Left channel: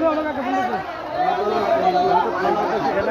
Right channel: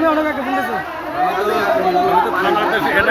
আমি অনেক একটা